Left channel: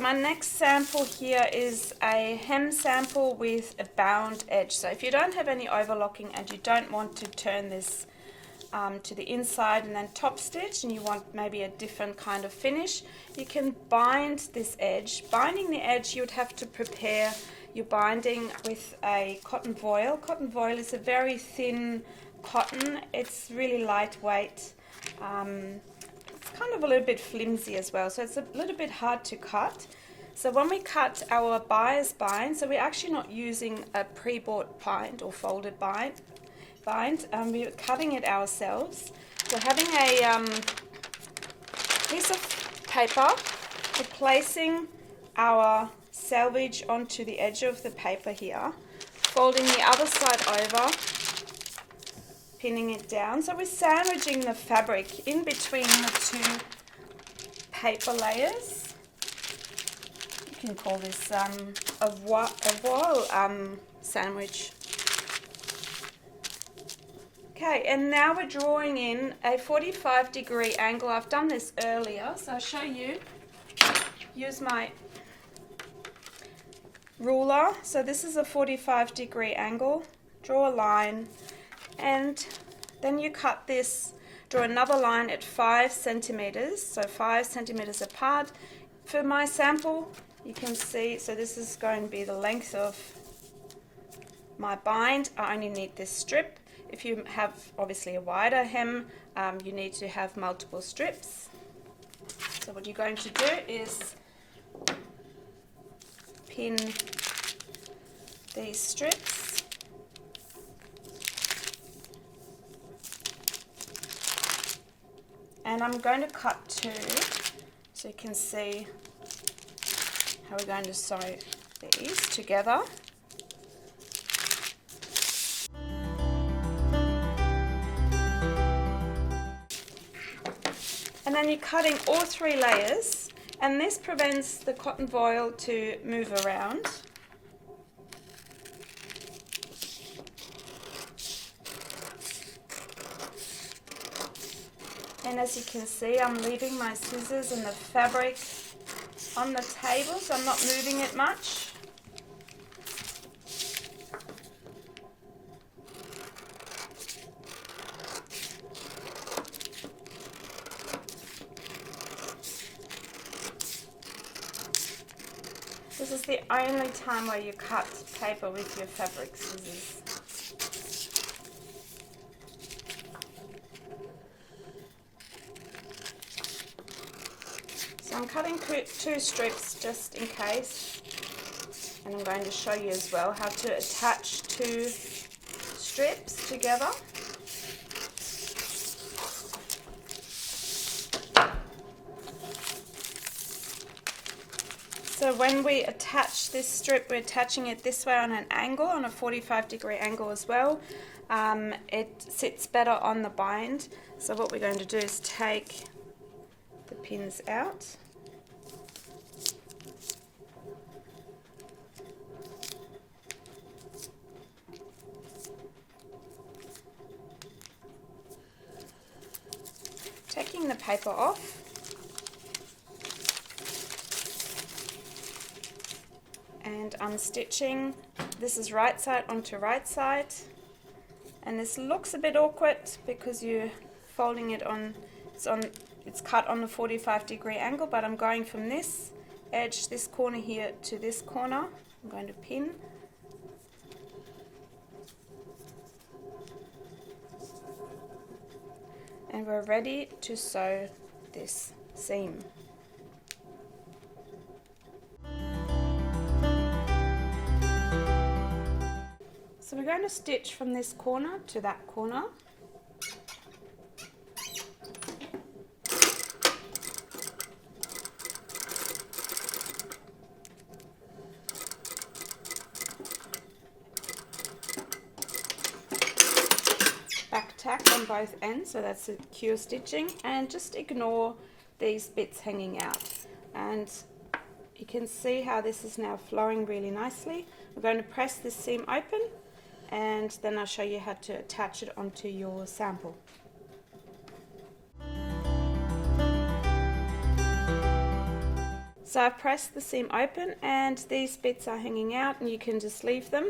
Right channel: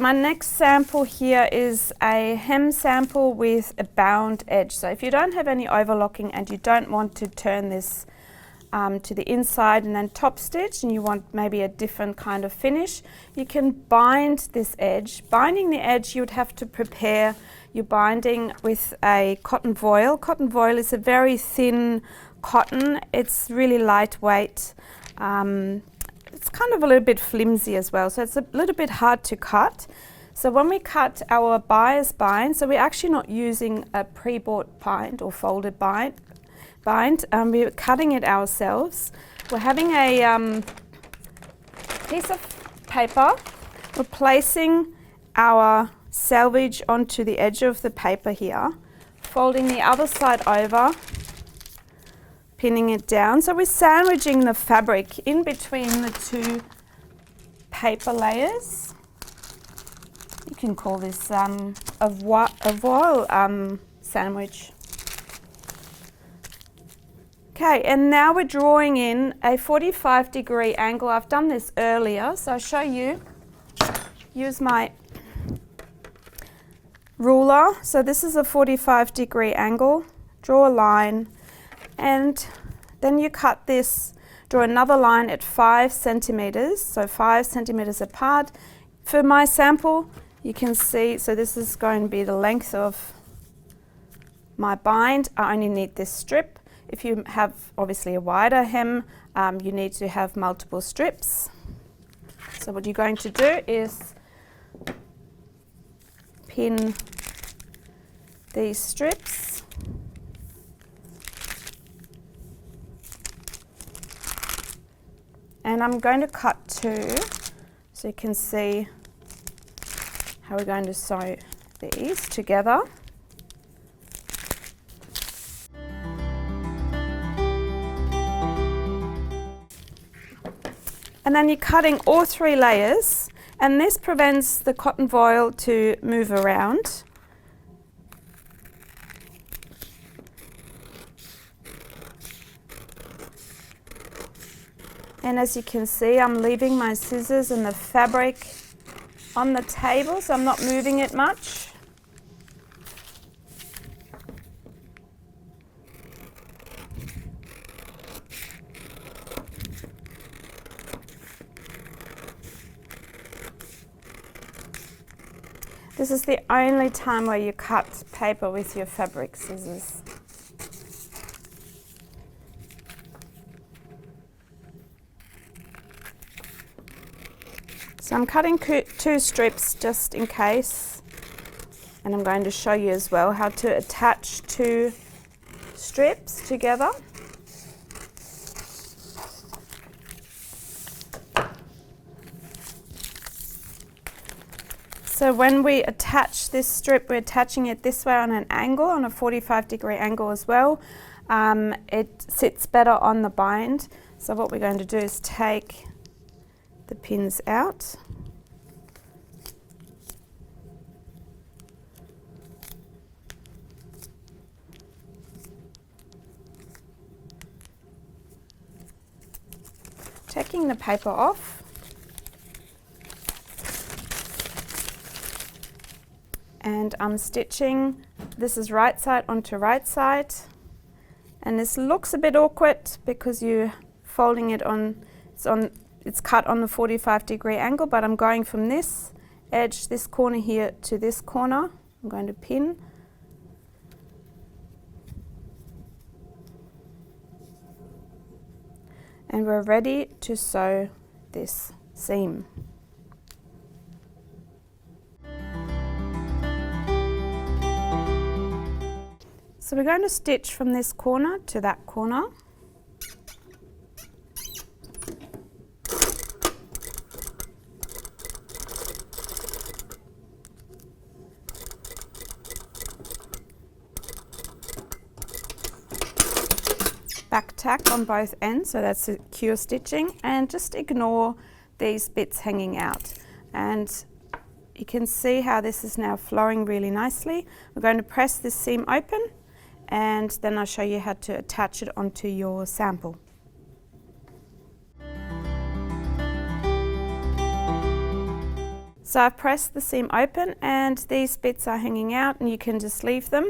so my next sample here is a hem sample with a bound edge. So if you don't have any overlocking and you don't want to turn this to the inside and then top stitch, and you want maybe a different kind of finish, you can bind this edge. Binding the edge, you would have to prepare your binding with a cotton voile. Cotton voile is a very thin cotton. It's really lightweight. It's kind of a little bit flimsy as well, so it's a little bit hard to cut. So when we cut our buyer's bind, so we're actually not using a pre-bought bind or folded bind. We're cutting it ourselves. We're having a piece of paper. We're placing our selvage onto the edge of the paper here, folding the other side over, pinning it down. So we're sandwiching the fabric in between the two paper layers. You can call this a voile sandwich. Okay, and now we're drawing in a 45-degree angle. I've done this earlier, so I'll show you. Use my ruler. So this is a 45-degree angle. Draw a line, and then you cut this, draw another line at 5 centimeters, so 5 centimeters apart. For my sample, you can see, so this is going to be the length of my bind. I only need this strip. If you have obviously a wider hem, you need to have multiple strips. So what you're going to do is pin these strips. And I'm going to cut 2 so you can see how we're going to sew these together. And then you're cutting all 3 layers, and this prevents the cotton voile to move around. And as you can see, I'm leaving my scissors and the fabric on the table, so I'm not moving it much. This is the only time where you cut paper with your fabric scissors. So I'm cutting 2 strips just in case, and I'm going to show you as well how to attach 2 strips together. So when we attach this strip, we're attaching it this way on an angle, on a 45-degree angle as well. It sits better on the bind. So what we're going to do is take the pins out. Taking the paper off. And unstitching. This is right side onto right side, and this looks a bit awkward because you're folding it on, it's cut on the 45-degree angle, but I'm going from this edge, this corner here, to this corner. I'm going to pin. And we're ready to sew this seam. So we're going to stitch from this corner to that corner. Back tack on both ends, so that's secure stitching, and just ignore these bits hanging out. And you can see how this is now flowing really nicely. We're going to press this seam open, and then I'll show you how to attach it onto your sample. So I've pressed the seam open and these bits are hanging out, and you can just leave them.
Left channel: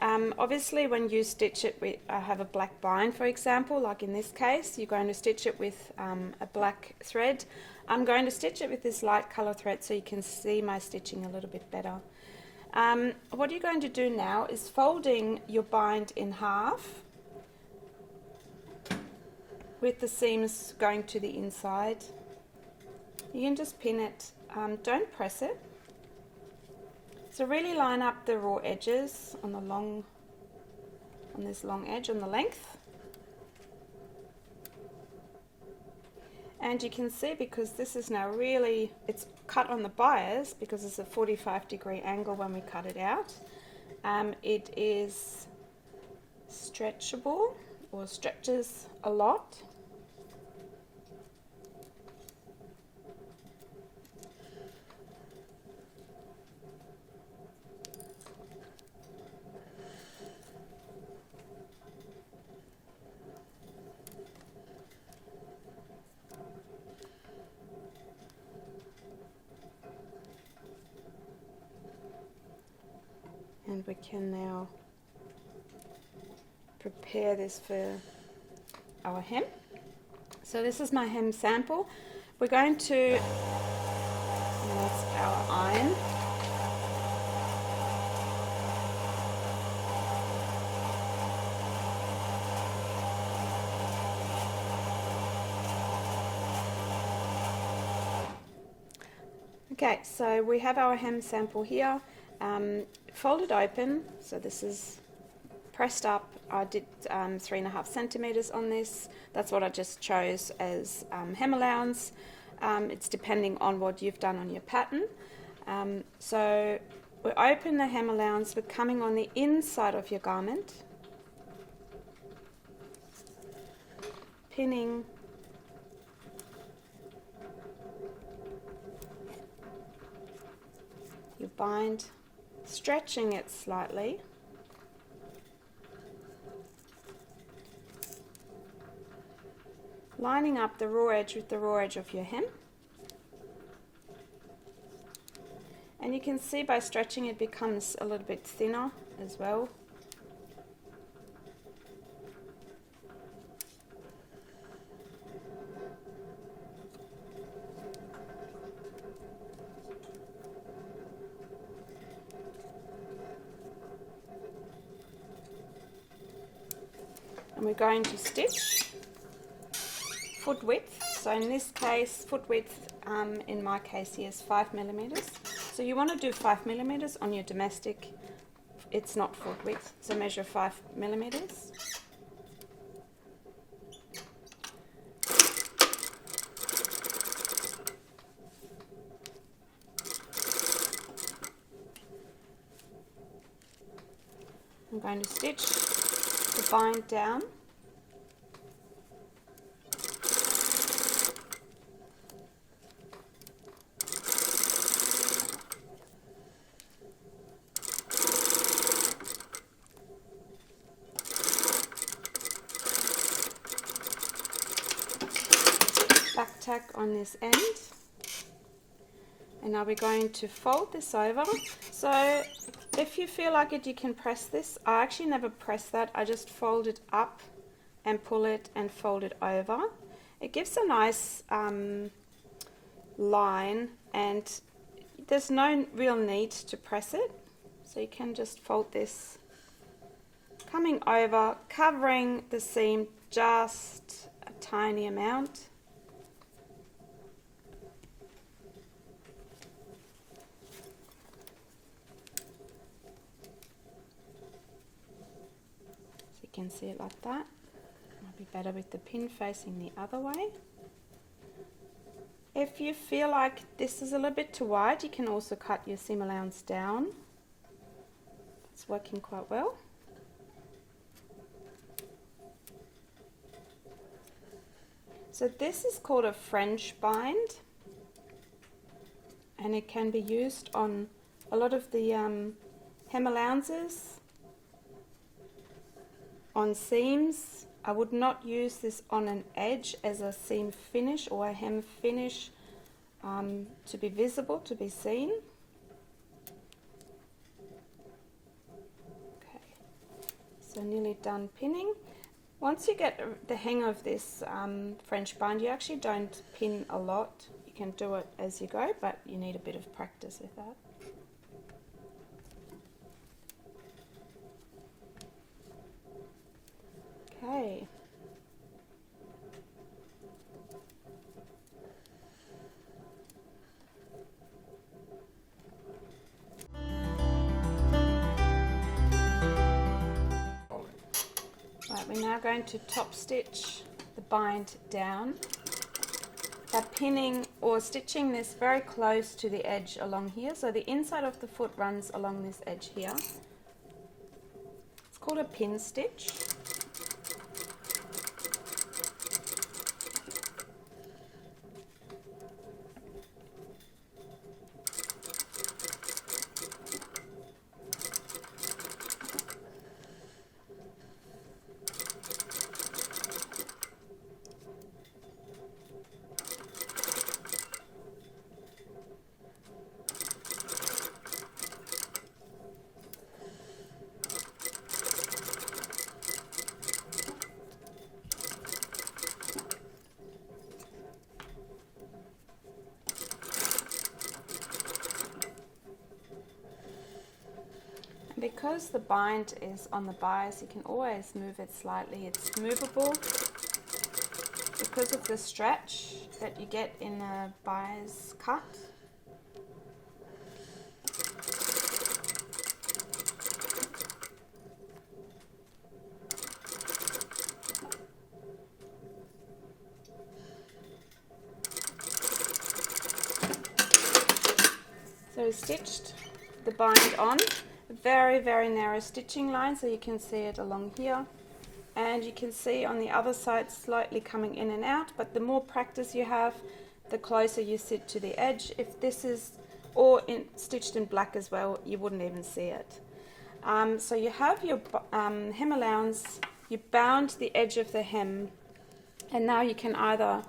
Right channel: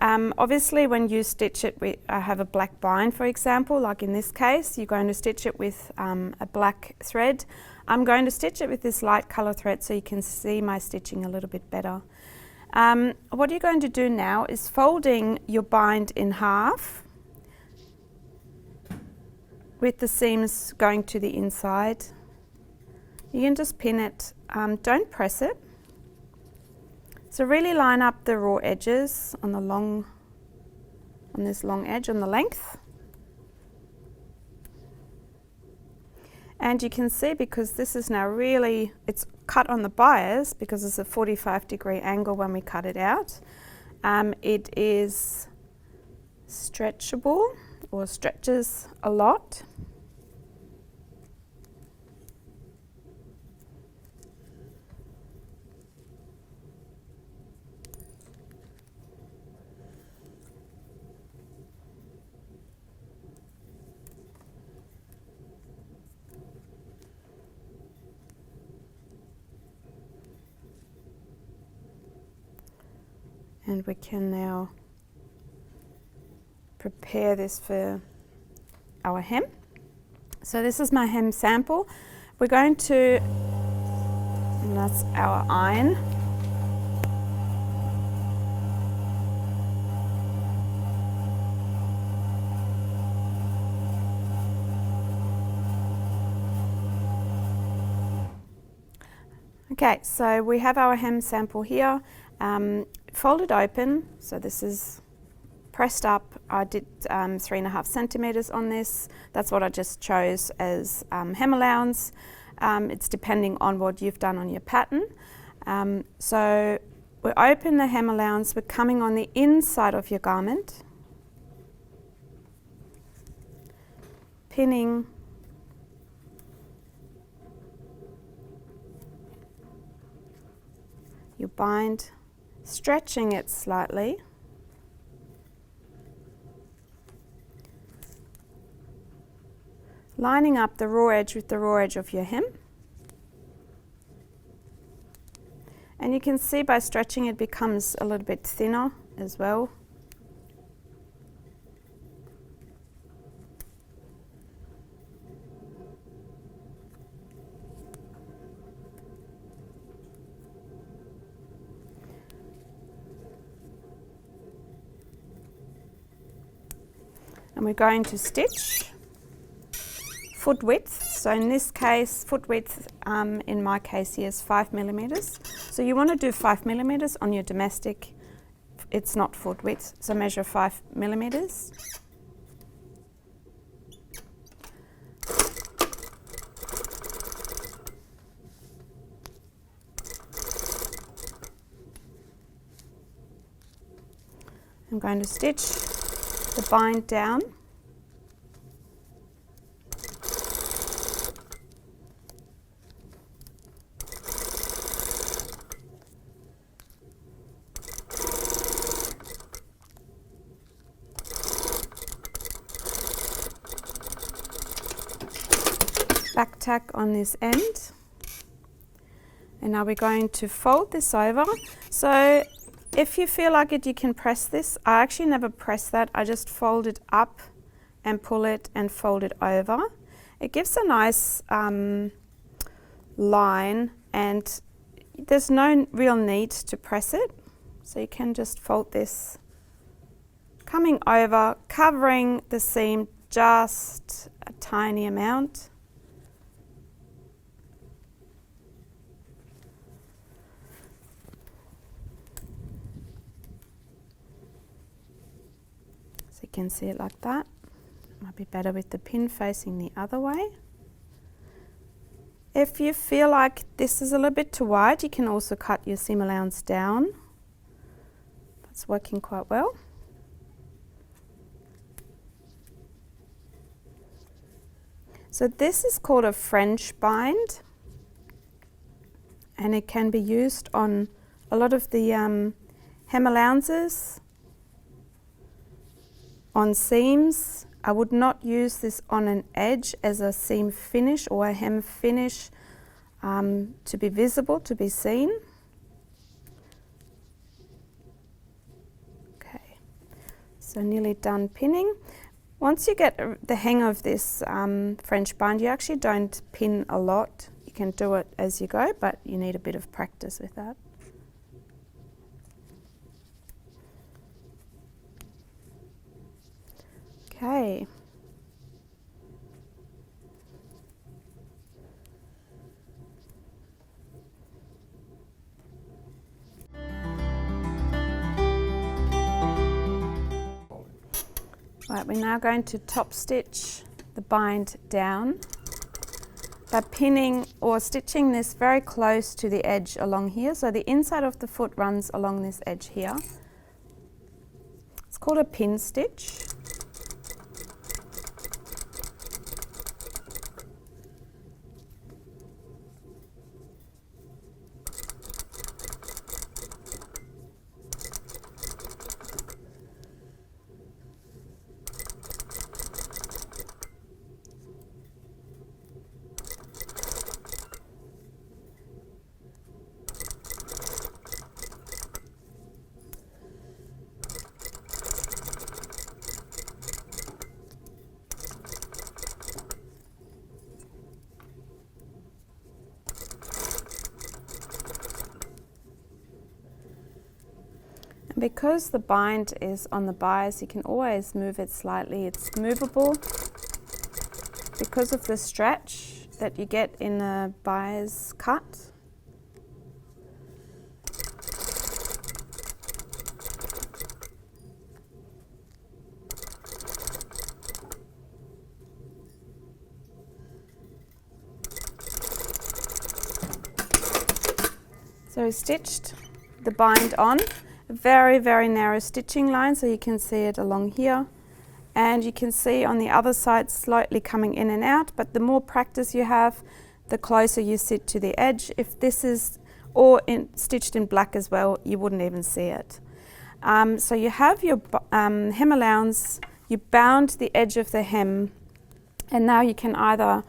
Obviously when you stitch it with, I have a black bind for example, like in this case, you're going to stitch it with a black thread. I'm going to stitch it with this light colour thread so you can see my stitching a little bit better. What you're going to do now is folding your bind in half with the seams going to the inside. You can just pin it, don't press it. So really line up the raw edges on this long edge on the length. And you can see, because this is now really, it's cut on the bias because it's a 45-degree angle when we cut it out. It is stretchable, or stretches a lot. And we can now prepare this for our hem. So this is my hem sample. We're going to, and that's our iron. Okay, so we have our hem sample here. Folded open, so this is pressed up. I did 3.5 centimeters on this. That's what I just chose as hem allowance. It's depending on what you've done on your pattern. So we open the hem allowance, we're coming on the inside of your garment, pinning your bind, stretching it slightly, lining up the raw edge with the raw edge of your hem. And you can see by stretching it becomes a little bit thinner as well. And we're going to stitch foot width. So in this case, foot width, in my case here, is 5 millimeters. So you want to do 5 millimeters on your domestic. It's not foot width, so measure 5 millimeters. I'm going to stitch the bind down. Back tack on this end, and now we're going to fold this over. So if you feel like it, you can press this. I actually never press that. I just fold it up and pull it and fold it over. It gives a nice line, and there's no real need to press it. So you can just fold this, coming over, covering the seam just a tiny amount. Can see it like that. Might be better with the pin facing the other way. If you feel like this is a little bit too wide, you can also cut your seam allowance down. It's working quite well. So this is called a French bind, and it can be used on a lot of the hem allowances, on seams. I would not use this on an edge as a seam finish or a hem finish. to be visible, to be seen. Okay, so nearly done pinning. Once you get the hang of this French bind, you actually don't pin a lot. You can do it as you go, but you need a bit of practice with that. Okay. Right, we're now going to top stitch the bind down by pinning or stitching this very close to the edge along here. So the inside of the foot runs along this edge here. It's called a pin stitch. Because the bind is on the bias, you can always move it slightly. It's movable because of the stretch that you get in a bias cut. So stitched the bind on. Very, very narrow stitching line, so you can see it along here, and you can see on the other side slightly coming in and out, but the more practice you have, the closer you sit to the edge. If this is stitched in black as well, you wouldn't even see it. So you have your hem allowance, you bound the edge of the hem, and now you can either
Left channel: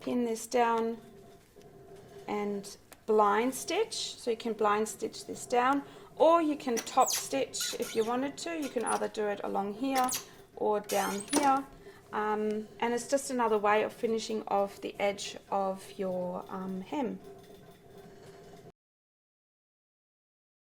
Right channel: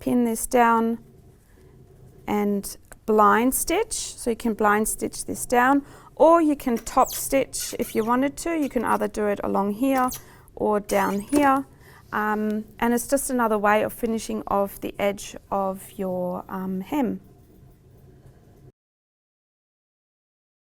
pin this down and blind stitch, so you can blind stitch this down, or you can top stitch if you wanted to. You can either do it along here or down here, and it's just another way of finishing off the edge of your hem.